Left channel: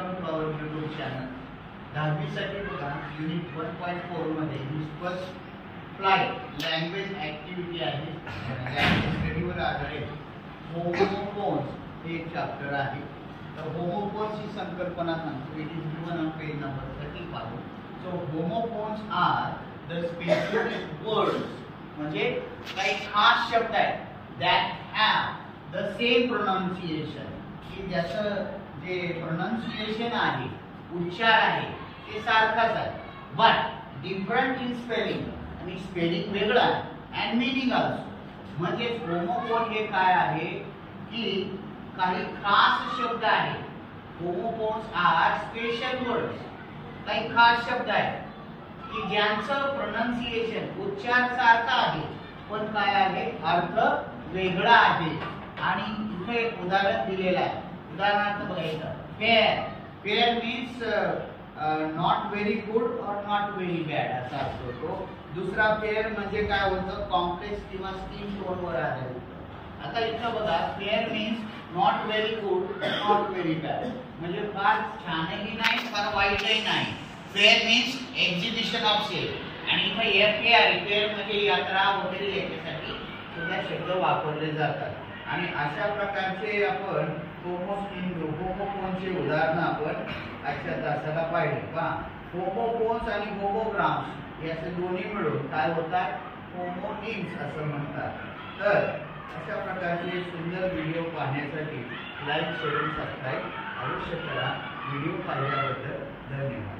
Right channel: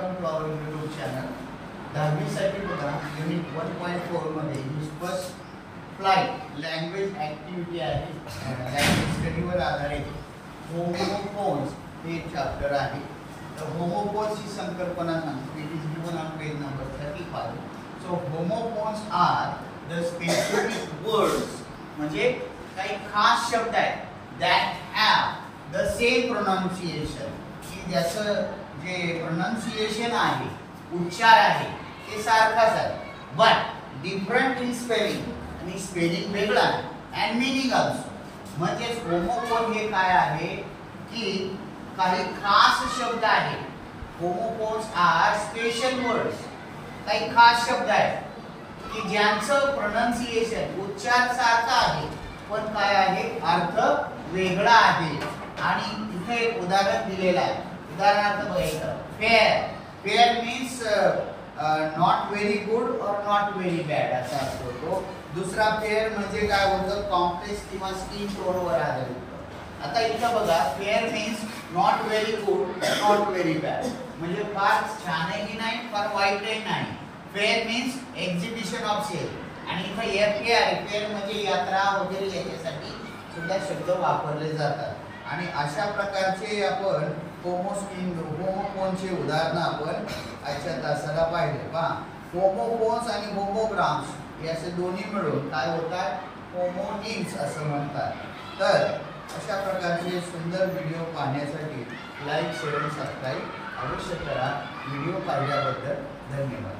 Welcome to our YouTube channel. 10वी साठी बघा युनिट 1.4 मध्ये फर्स्ट फ्लाइट लँग्वेज ॲक्टिव्हिटी आहे. लँग्वेज स्टडीवर आधारित होमोफोन्स हे एक चॅप्टर आहे. तर होमोफोन्स ही संकल्पना सांगतो. It is given on page number 35. So homophones are the specific words, म्हणजे काही खास शब्द आहेत that have the same pronunciation, की ज्याचं जे प्रोनाउन्सिएशन आहे, उच्चार आहे, ते सारखाच आहे, बट डिफरंट इन स्पेलिंग, आणि स्पेलिंग वेगळा आहे, अँड मीनिंग ऑल्सो. म्हणजे होमोफोन हे काय आहे की काही खास शब्द आहे. होमोफोन्स आर स्पेशल वर्ड्स, काही खास शब्द आहेत की ज्यांचं प्रोनाउन्सिएशन उच्चार सारखा आहे, पण काय आहे, अर्थ वेगळा आहे. आणि इथे एक उदाहरण दिलेलं आहे. उदाहरणार्थ बघायचं, fair. Fair means not very good और नॉट व्हेरी बॅड असा असतो तो. दुसरा फेअर म्हणजे काय होतं, कॉम्प्लेक्स किंवा स्किन टोनवर आधारित. आता इथं बघा, fair means not very good, not very bad, म्हणजे फार छानही नाही, फार वाईटही नाही. Fair means exhibition of sale. आणि इथं फेअर, फेअर म्हणजे यात्रा वगैरे याच्यासाठी सुद्धा शब्द वापरले जातात. आणि अशा प्रकारचे आपण होमोफोनचे उदाहरणं आपण आजच्या तासाला पाहिले. पहा, होमोफोन्स आणि होमोग्राम्स हे असे दोन्ही मिळून काय होतात, होमोनिम्स असं म्हणतात. तर अशा प्रकारचे सुंदर व्हिडिओ पाहण्यासाठी लाईक, शेअर, सबस्क्राईब अवश्य करा. व्हिडिओ पाहिल्याबद्दल धन्यवाद.